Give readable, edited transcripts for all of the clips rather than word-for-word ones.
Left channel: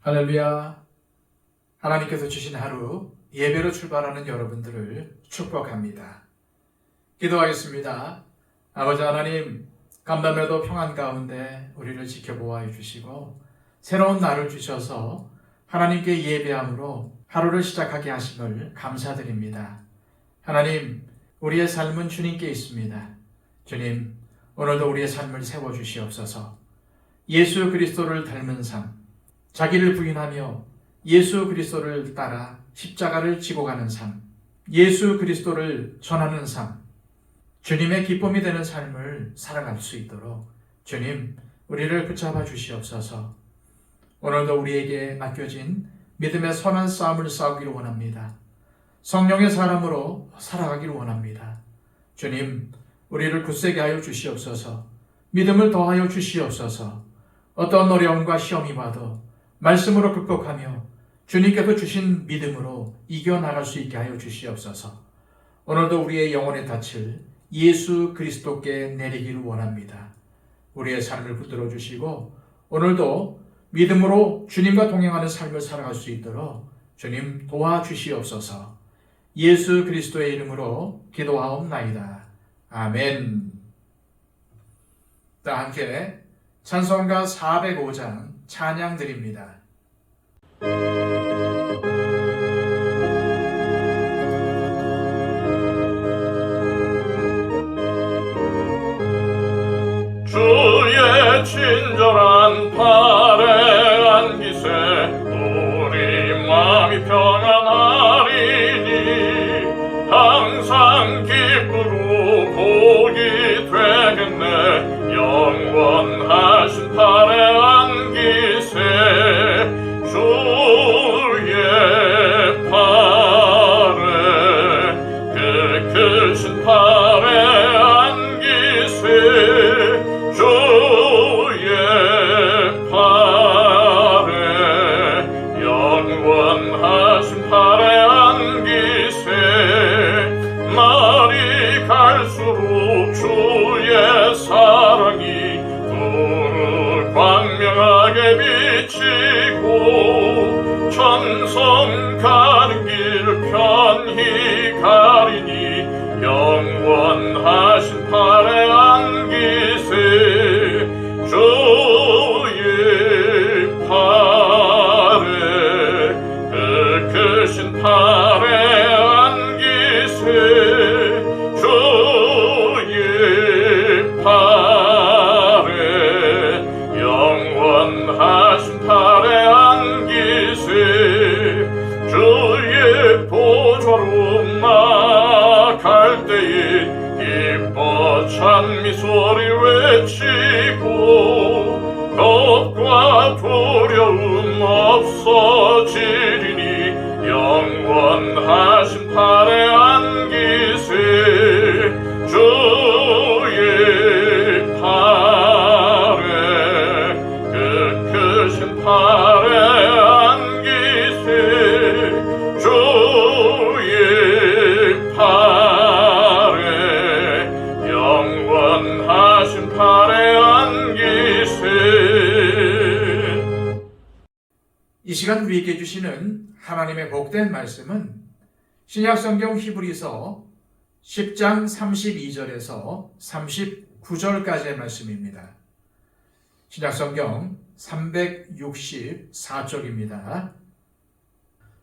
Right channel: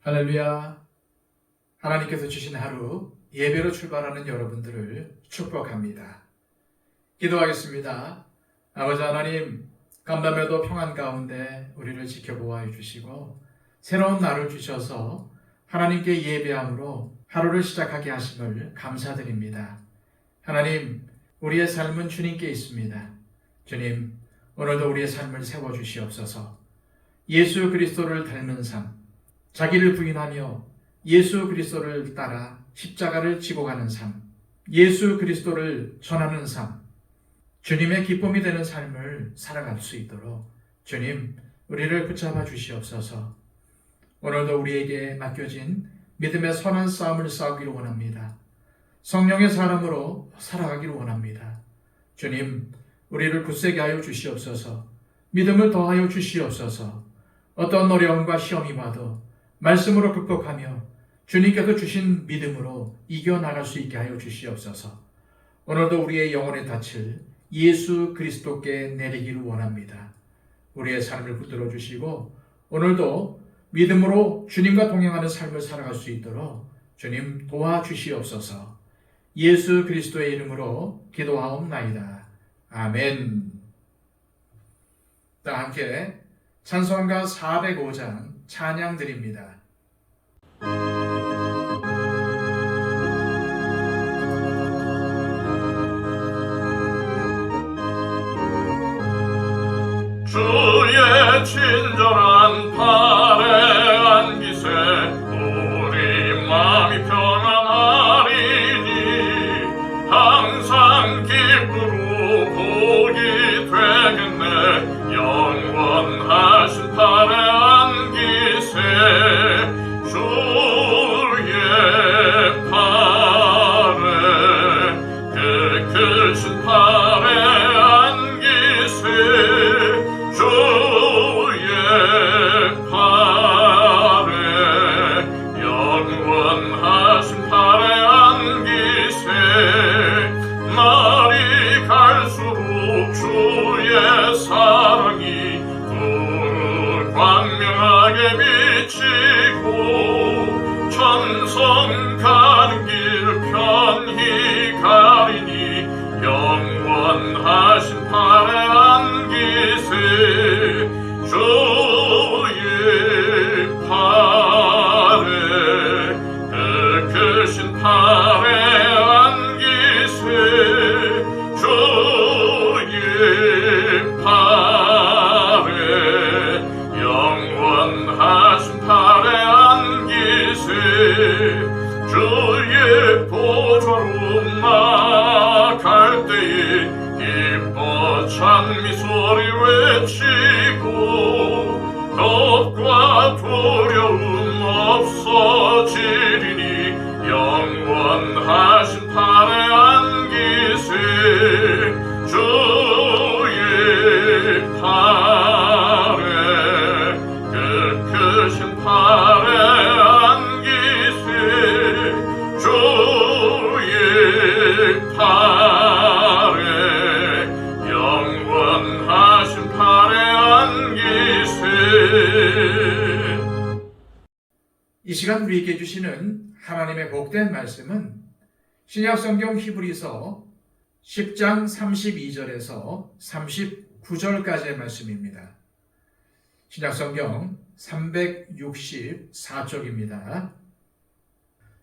할렐루야. 하나님께서 주신 하루 예배로 출발하는 여러분들을 축복합니다. 기도하겠습니다. 아버지 하나님, 간밤에도 평안 가운데 우리를 지켜보아 주시고 새로운 날을 주셔서 하나님께 예배함으로 하루를 시작하게 하심을 감사드립니다. 하나님, 우리의 삶은 주님께 있습니다. 주님, 오늘도 우리의 삶을 세워주시옵소서. 예수 그리스도를 닮은 삶, 자기를 부인하며 예수 그리스도를 따라 십자가를 지고 가는 삶, 예수 그리스도를 전하는 삶, 주님의 기쁨이 되는 삶을 살아갈 수 있도록 주님, 우리를 붙잡아 주시옵소서. 오늘도 우리에게 맡겨진 믿음의 선한 싸움을 싸우기를 원합니다. 성령의 사람으로 살아가기를 원합니다. 주님, 우리를 굳세게 하여 주시옵소서. 믿음을 더하여 주시옵소서. 어떤 어려움과 시험이 와도 말씀으로 극복하며 주님께서 주신 믿음으로 이겨나갈 수 있게 하여 주시옵소서. 오늘도 우리의 영혼의 닻을 예수 그리스도께 내리기를 원합니다. 우리의 삶을 붙들어 주시고 오늘도 믿음으로 주님과 동행하는 삶을 살아갈 수 있도록 주님 도와주시옵소서. 예수 그리스도의 이름으로 기도하옵나이다. 아멘. 다 함께 찬송가 405장 찬양 드립니다. 주의 친절한 팔에 안기세 우리 마음이 평안하리니 항상 기쁘로 복이 되겠네. 영원하신 팔에 안기세 주의 팔에 그 크신 팔에 안기세 주의 팔에 영원하신 팔에 안기세 날이 갈수록 주의 사랑이 더 광명하게 비치고 천성 가는 길 편히 가리니 영원하신 팔에 안기세 주의 팔에 그 크신 팔에 안기세 주의 팔에 영원하신 팔에 안기세 주의 보좌로 나갈 때에 기뻐 찬미 소리 외치고 겁과 두려움 없어지리니 영원하신 팔에 안기세 주의 팔에 그 크신 팔에 안기세 주의 팔에 영원하신 팔에 안기세. 이 시간 우리에게 주시는 하나님의 복된 말씀은 신약성경 히브리서 10장 32절에서 39절까지의 말씀입니다. 신약성경 364쪽입니다.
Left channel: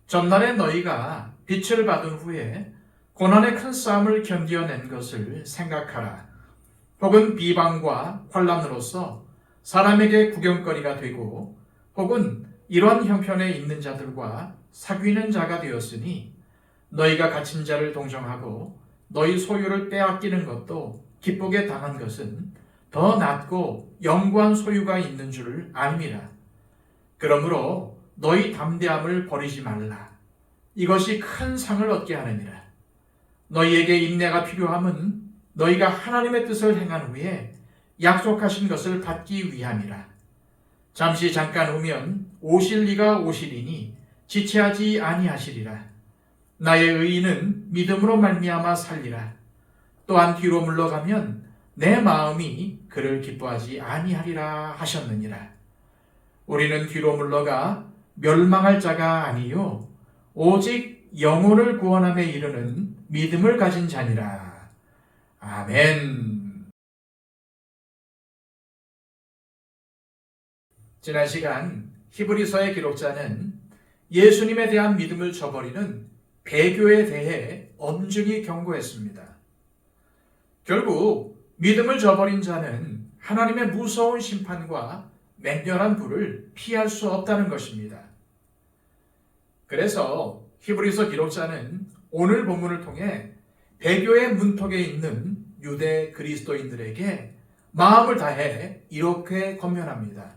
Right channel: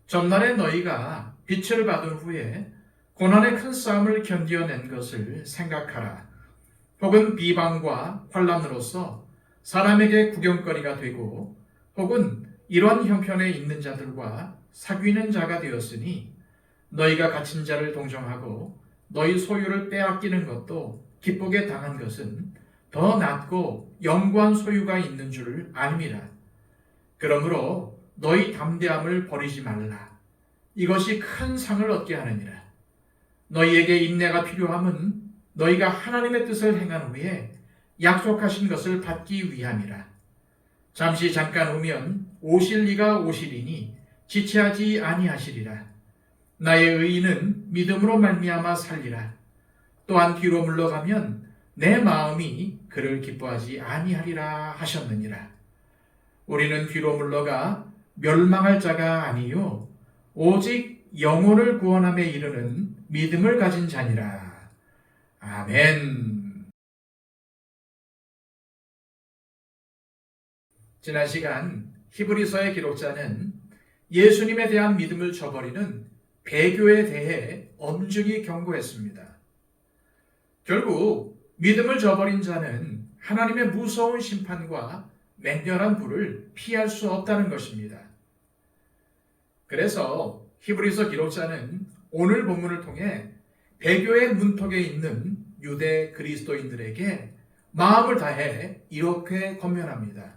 전날에 너희가 빛을 받은 후에 고난의 큰 싸움을 견디어낸 것을 생각하라. 혹은 비방과 환난으로서 사람에게 구경거리가 되고 혹은 이러한 형편에 있는 자들과 사귀는 자가 되었으니 너희가 갇힌 자를 동정하고 너희 소유를 빼앗기는 것도 기쁘게 당한 것은 더 낫고 영구한 소유가 있는 줄 아느니라. 그러므로 너희 담대함을 버리지 말라. 이것이 큰 상을 얻게 하느니라. 너희에게 인내가 필요함은 너희가 하나님의 뜻을 행한 후에 약속하신 것을 받기 위함이라. 잠시 잠깐 오면 오실 이가 오시리니 지체하지 아니하시리라. 나의 의인은 믿음으로 말미암아 살리라. 또한 뒤로 물러가면 내 마음이 그를 기뻐하지 아니하리라 하셨느니라. 우리는 뒤로 물러가 멸망할 자가 아니요 오직 영혼을 구원함에 이르는 믿음을 가진 자니라. 아멘. 지난 시간 히브리서의 기록자는 예수님에 대한 믿음을 저버리는 배교에 대해 엄중히 경고했습니다. 결국 믿음을 저버린 자는 하나님의 무서운 심판과 맹렬한 불을 피할 수 없다는 것입니다. 그래서 히브리서 기록자는 오늘 본문을 통해 배교의 문턱에 있는 유대 그리스도인들에게 마음을 다해 이렇게 권면합니다.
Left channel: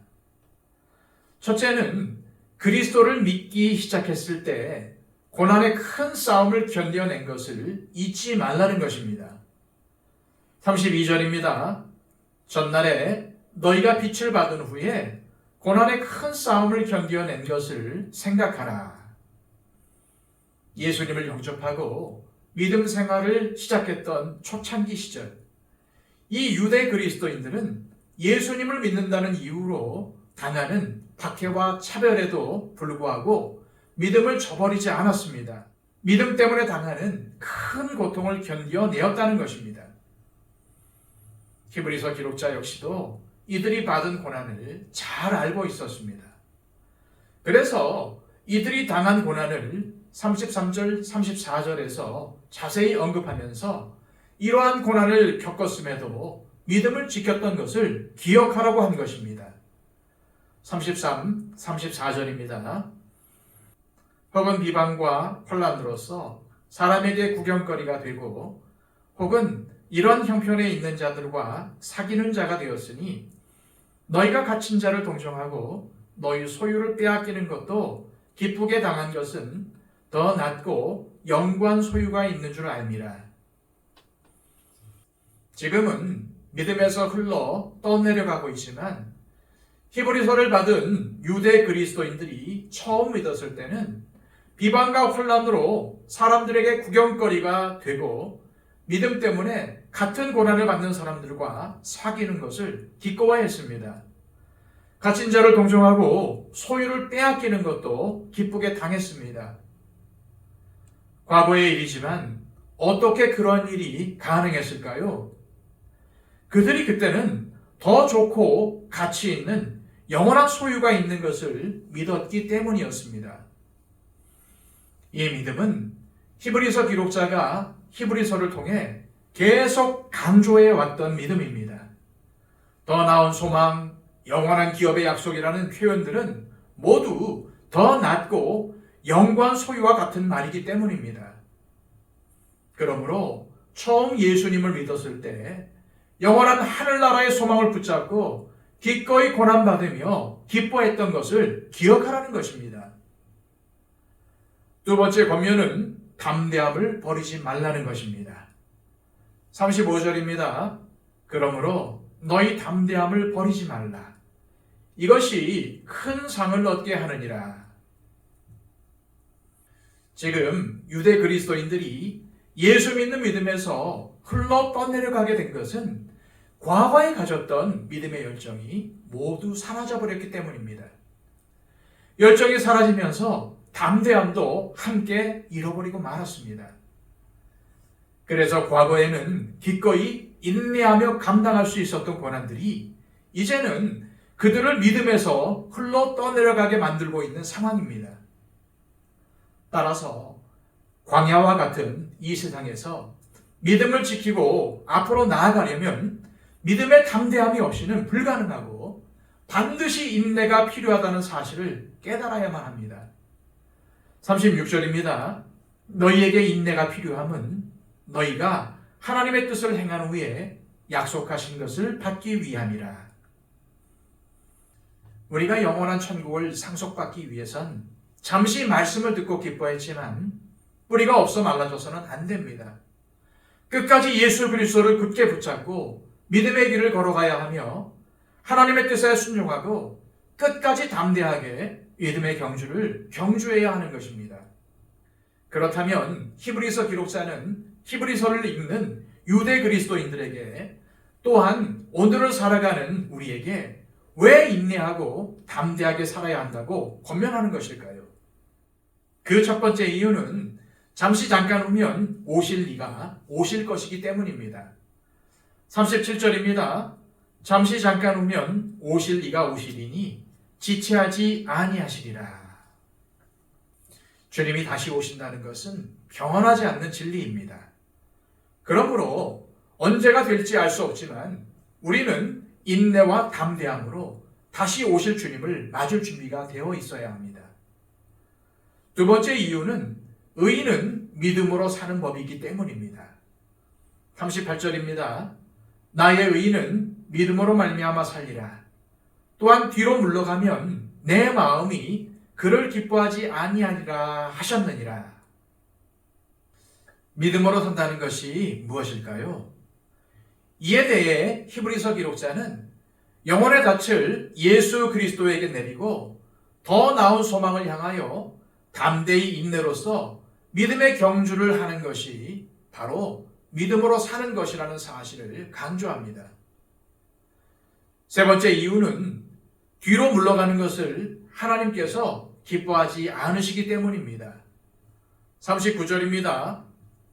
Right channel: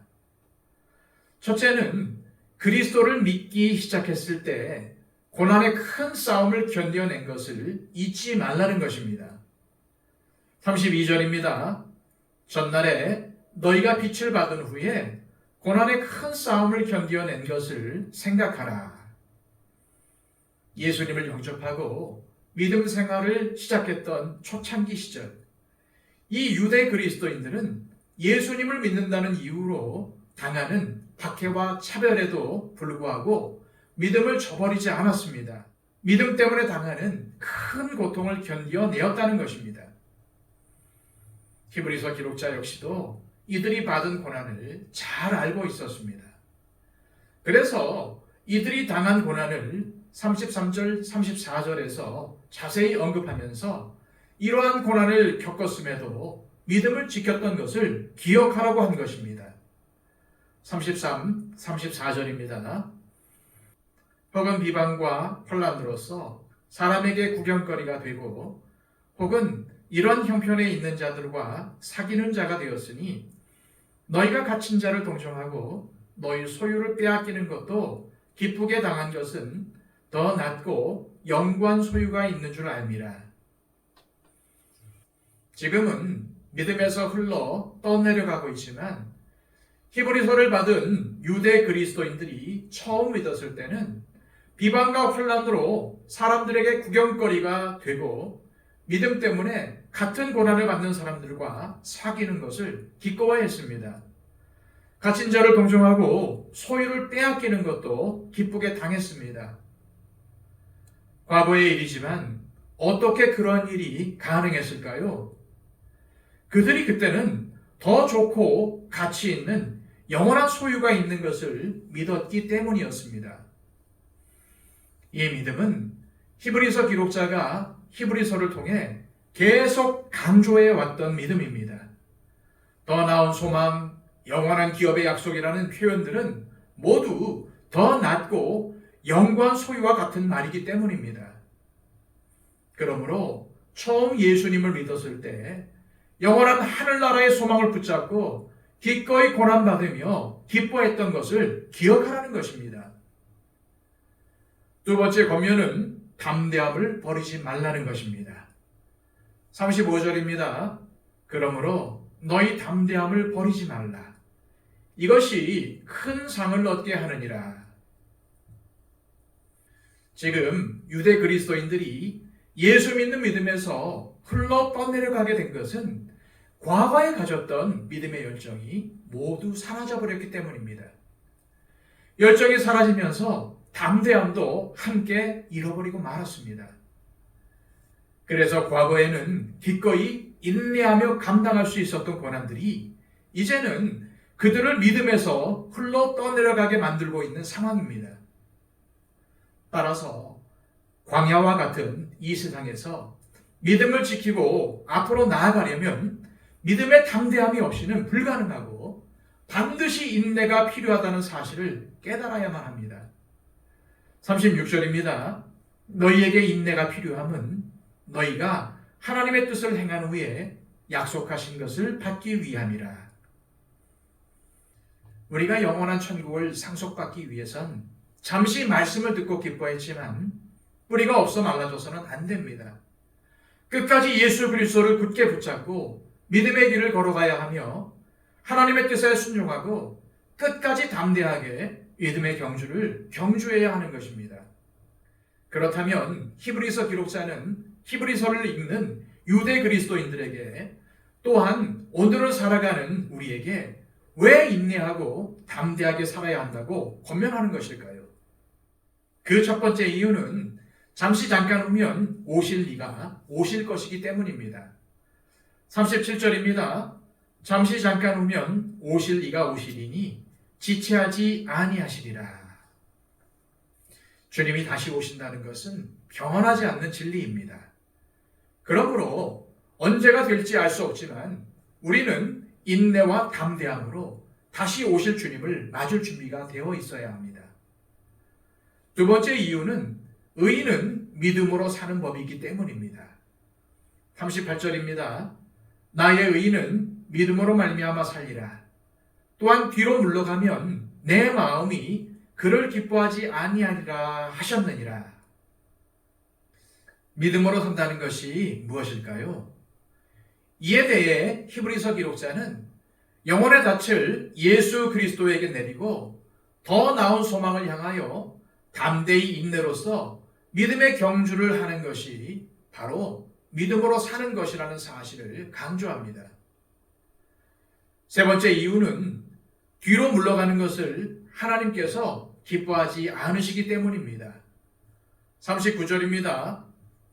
첫째는 그리스도를 믿기 시작했을 때 고난의 큰 싸움을 견뎌낸 것을 잊지 말라는 것입니다. 32절입니다. 전날에 너희가 빛을 받은 후에 고난의 큰 싸움을 견뎌낸 것을 생각하라. 예수님을 영접하고 믿음 생활을 시작했던 초창기 시절, 이 유대 그리스도인들은 예수님을 믿는다는 이유로 당하는 박해와 차별에도 불구하고 믿음을 저버리지 않았습니다. 믿음 때문에 당하는 큰 고통을 견뎌내었다는 것입니다. 히브리서 기록자 역시도 이들이 받은 고난을 잘 알고 있었습니다. 그래서 이들이 당한 고난을 33절, 34절에서 자세히 언급하면서 이러한 고난을 겪었음에도 믿음을 지켰던 것을 기억하라고 한 것입니다. 33, 34절입니다. 혹은 비방과 혼란으로서 사람에게 구경거리가 되고 혹은 이런 형편에 있는 자들과 사귀는 자가 되었으니 너희가 갇힌 자를 동정하고 너희 소유를 빼앗기는 것도 기쁘게 당한 것은 더 낫고 영구한 소유가 있는 줄 알미라. 지금은 믿음에서 흘러 떠내려가고 있지만 히브리서를 받은 유대 그리스도인들이 처음 믿었을 때는 비방과 혼란으로 사람들에게 구경거리가 되고 믿음 때문에 같은 고난을 받는 사람들과 사귀는 것을 기꺼워했습니다. 갇힌 자를 동정하고 소유를 빼앗기는 것도 기쁘게 당했습니다. 과거의 일이지만 어떻게 그런 일이 가능했을까요? 그들이 그때는 더 좋고 가치 있는 영원한 소유가 있는 것을 믿었기 때문이었습니다. 이 믿음은 히브리서 기록자가 히브리서를 통해 계속 강조해 왔던 믿음입니다. 더 나은 소망, 영원한 기업의 약속이라는 표현들은 모두 더 낫고 영구한 소유와 같은 말이기 때문입니다. 그러므로 처음 예수님을 믿었을 때 영원한 하늘나라의 소망을 붙잡고 기꺼이 고난받으며 기뻐했던 것을 기억하라는 것입니다. 두 번째 권면은 담대함을 버리지 말라는 것입니다. 35절입니다. 그러므로 너희 담대함을 버리지 말라. 이것이 큰 상을 얻게 하느니라. 지금 유대 그리스도인들이 예수 믿는 믿음에서 흘러 떠내려가게 된 것은 과거에 가졌던 믿음의 열정이 모두 사라져버렸기 때문입니다. 열정이 사라지면서 담대함도 함께 잃어버리고 말았습니다. 그래서 과거에는 기꺼이 인내하며 감당할 수 있었던 고난들이 이제는 그들을 믿음에서 흘러 떠내려가게 만들고 있는 상황입니다. 따라서 광야와 같은 이 세상에서 믿음을 지키고 앞으로 나아가려면 믿음의 담대함이 없이는 불가능하고 반드시 인내가 필요하다는 사실을 깨달아야만 합니다. 36절입니다. 너희에게 인내가 필요함은 너희가 하나님의 뜻을 행한 후에 약속하신 것을 받기 위함이라. 우리가 영원한 천국을 상속받기 위해선 잠시 말씀을 듣고 기뻐했지만 뿌리가 없어 말라져서는 안 됩니다. 끝까지 예수 그리스도를 굳게 붙잡고 믿음의 길을 걸어가야 하며 하나님의 뜻에 순종하고 끝까지 담대하게 믿음의 경주를 경주해야 하는 것입니다. 그렇다면 히브리서 기록자는 히브리서를 읽는 유대 그리스도인들에게 또한 오늘을 살아가는 우리에게 왜 인내하고 담대하게 살아야 한다고 권면하는 것일까요? 그 첫 번째 이유는 잠시 잠깐 후면 오실 이가 오실 것이기 때문입니다. 37절입니다. 잠시 잠깐 후면 오실 이가 오시리니 지체하지 아니하시리라. 주님이 다시 오신다는 것은 변하지 않는 진리입니다. 그러므로 언제가 될지 알 수 없지만 우리는 인내와 담대함으로 다시 오실 주님을 맞을 준비가 되어 있어야 합니다. 두 번째 이유는 의인은 믿음으로 사는 법이기 때문입니다. 38절입니다. 나의 의인은 믿음으로 말미암아 살리라. 또한 뒤로 물러가면 내 마음이 그를 기뻐하지 아니하리라 하셨느니라. 믿음으로 산다는 것이 무엇일까요? 이에 대해 히브리서 기록자는 영혼의 닻을 예수 그리스도에게 내리고 더 나은 소망을 향하여 담대히 인내로서 믿음의 경주를 하는 것이 바로 믿음으로 사는 것이라는 사실을 강조합니다. 세 번째 이유는 뒤로 물러가는 것을 하나님께서 기뻐하지 않으시기 때문입니다. 39절입니다.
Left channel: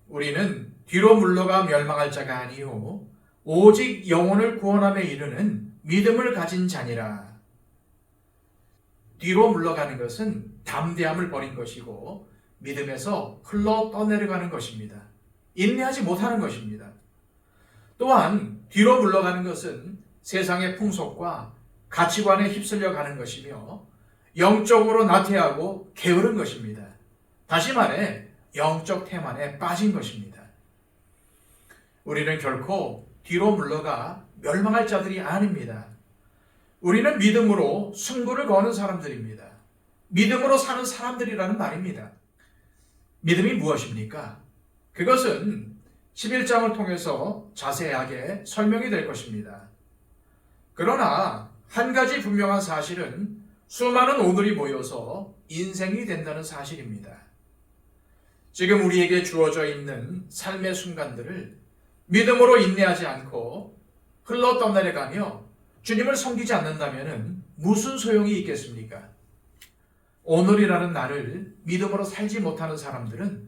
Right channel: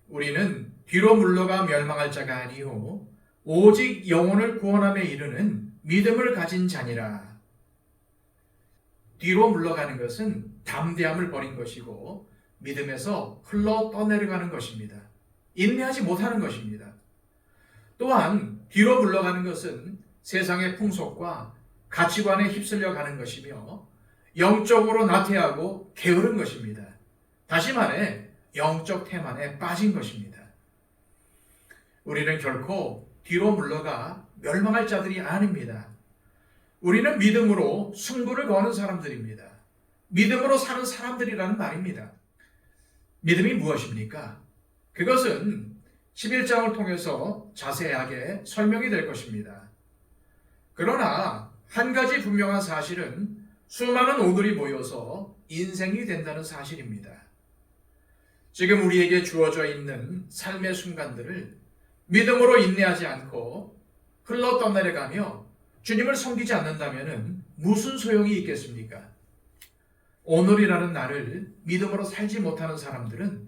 우리는 뒤로 물러가 멸망할 자가 아니요 오직 영혼을 구원함에 이르는 믿음을 가진 자니라. 뒤로 물러가는 것은 담대함을 버린 것이고 믿음에서 흘러 떠내려가는 것입니다. 인내하지 못하는 것입니다. 또한 뒤로 물러가는 것은 세상의 풍속과 가치관에 휩쓸려 가는 것이며 영적으로 나태하고 게으른 것입니다. 다시 말해 영적 태만에 빠진 것입니다. 우리는 결코 뒤로 물러가 멸망할 자들이 아닙니다. 우리는 믿음으로 승부를 거는 사람들입니다. 믿음으로 사는 사람들이라는 말입니다. 믿음이 무엇입니까? 그것은 11장을 통해서 자세하게 설명이 될 것입니다. 그러나 한 가지 분명한 사실은 수많은 오늘이 모여서 인생이 된다는 사실입니다. 지금 우리에게 주어져 있는 삶의 순간들을 믿음으로 인내하지 않고 흘러 떠내려가며 주님을 섬기지 않는다면 무슨 소용이 있겠습니까? 오늘이라는 날을 믿음으로 살지 못하는 사람들은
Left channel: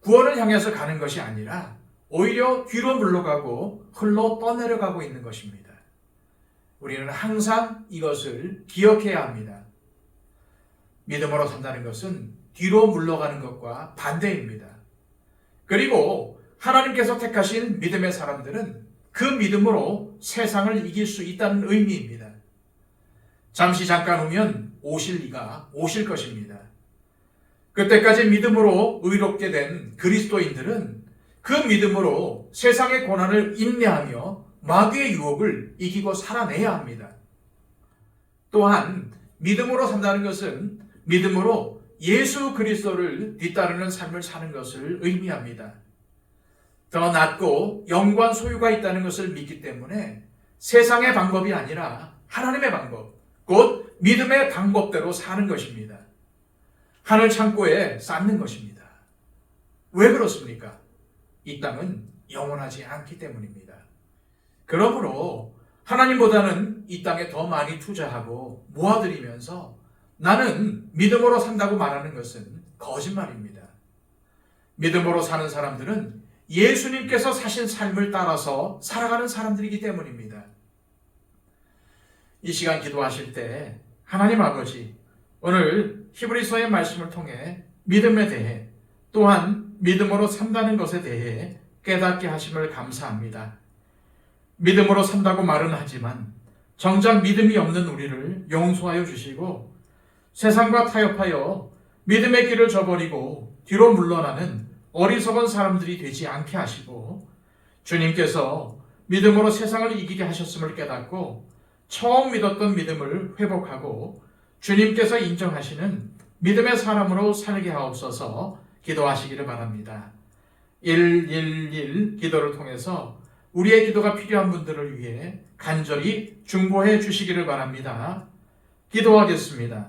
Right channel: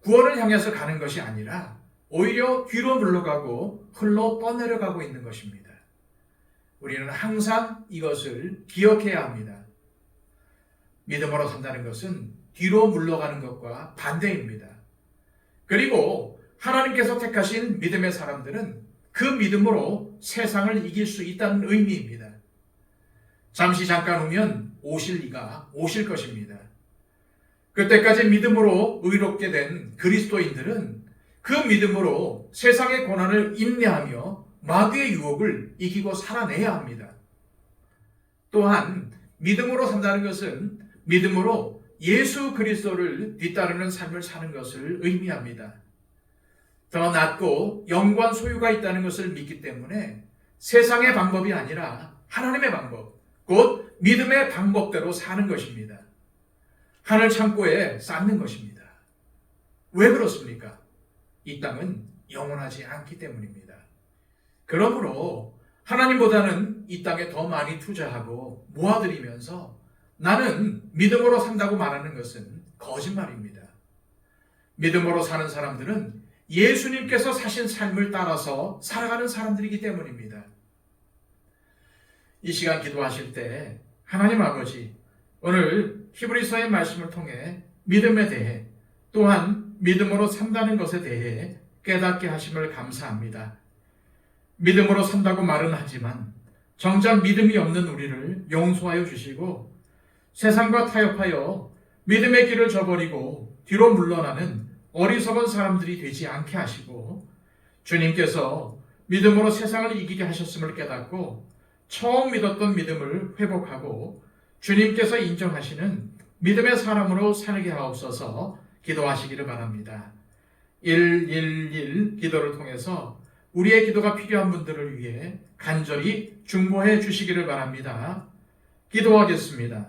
구원을 향해서 가는 것이 아니라 오히려 뒤로 물러가고 흘러 떠내려가고 있는 것입니다. 우리는 항상 이것을 기억해야 합니다. 믿음으로 산다는 것은 뒤로 물러가는 것과 반대입니다. 그리고 하나님께서 택하신 믿음의 사람들은 그 믿음으로 세상을 이길 수 있다는 의미입니다. 잠시 잠깐 후면 오실 이가 오실 것입니다. 그때까지 믿음으로 의롭게 된 그리스도인들은 그 믿음으로 세상의 고난을 인내하며 마귀의 유혹을 이기고 살아내야 합니다. 또한 믿음으로 산다는 것은 믿음으로 예수 그리스도를 뒤따르는 삶을 사는 것을 의미합니다. 더 낫고 영광 소유가 있다는 것을 믿기 때문에 세상의 방법이 아니라 하나님의 방법, 곧 믿음의 방법대로 사는 것입니다. 하늘 창고에 쌓는 것입니다. 왜 그렇습니까? 이 땅은 영원하지 않기 때문입니다. 그러므로 하나님보다는 이 땅에 더 많이 투자하고 모아들이면서 나는 믿음으로 산다고 말하는 것은 거짓말입니다. 믿음으로 사는 사람들은 예수님께서 사신 삶을 따라서 살아가는 사람들이기 때문입니다. 이 시간 기도하실 때 하나님 아버지, 오늘 히브리서의 말씀을 통해 믿음에 대해 또한 믿음으로 산다는 것에 대해 깨닫게 하심을 감사합니다. 믿음으로 산다고 말은 하지만 정작 믿음이 없는 우리를 용서하여 주시고 세상과 타협하여 믿음의 길을 저버리고 뒤로 물러나는 어리석은 사람들이 되지 않게 하시고 주님께서 믿음으로 세상을 이기게 하셨음을 깨닫고 처음 믿었던 믿음을 회복하고 주님께서 인정하시는 믿음의 사람으로 살게 하옵소서 기도하시기를 바랍니다. 111 기도를 통해서 우리의 기도가 필요한 분들을 위해 간절히 중보해 주시기를 바랍니다. 기도하겠습니다.